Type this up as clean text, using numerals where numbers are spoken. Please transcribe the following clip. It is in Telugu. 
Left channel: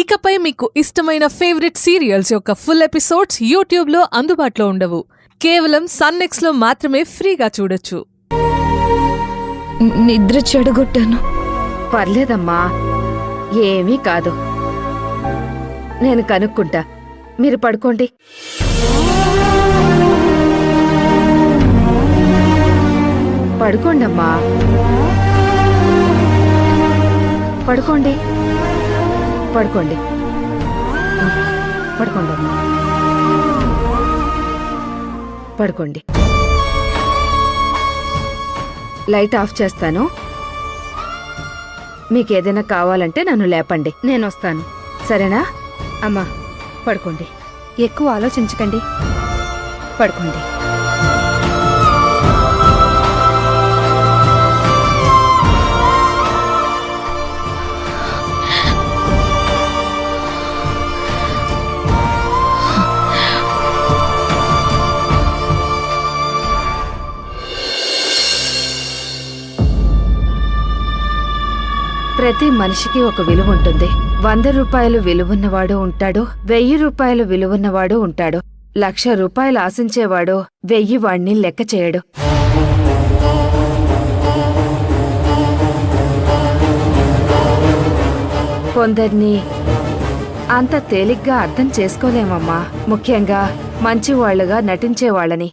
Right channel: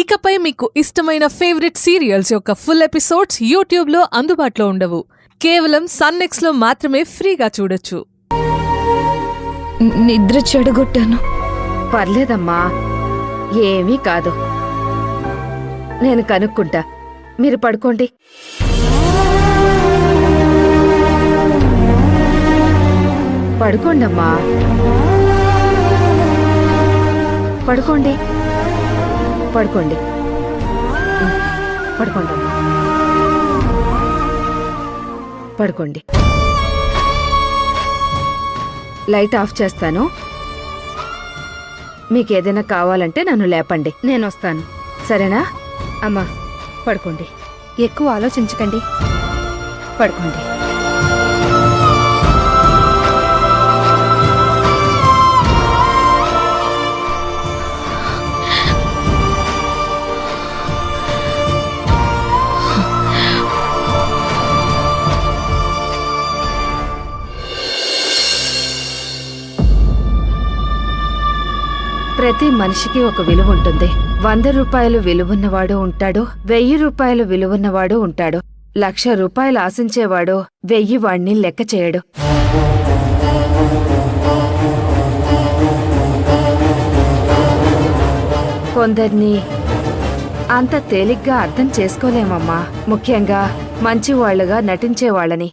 ఇకపై మీకు ఇష్టమైన ఫేవరెట్ సీరియల్స్ యొక్క ఫుల్ ఎపిసోడ్స్ యూట్యూబ్లో అందుబాటులో ఉండవు. కేవలం సన్నెక్స్లో మాత్రమే ఫ్రీగా చూడొచ్చు. నిద్ర చెడగొట్టాను. పర్లేదమ్మా, ఏమీ కాదు. నేను కనుక్కుంటా, మీరు పడుకోండి. పడుకోండమ్మా, పడుకోండి. పడుకోండి, పడుకోండమ్మా, పడుకోండి. లైట్ ఆఫ్ చేస్తాను. మీకేదైనా కావాలంటే నన్ను లేపండి, నేను వస్తాను. సరేనా? అమ్మా పడుకోండి. ఎక్కువ ఆలోచించకండి, పడుకోండి. ప్రతి మనిషికి ఒక విలువ ఉంటుంది. 100 రూపాయలు విలువున్నవాడు ఉంటాడు, 1000 రూపాయలు విలువున్నవాడు ఉంటాడు, 1,00,000 రూపాయలు ఆశించేవాడు 1000 వాణ్ణి లెక్క చేయడు. కొందరిని అంత తేలిగ్గా అర్థం చేసుకోలేమమ్మా, ముఖ్యంగా మంచివాళ్లుగా నటించేవాళ్ళని.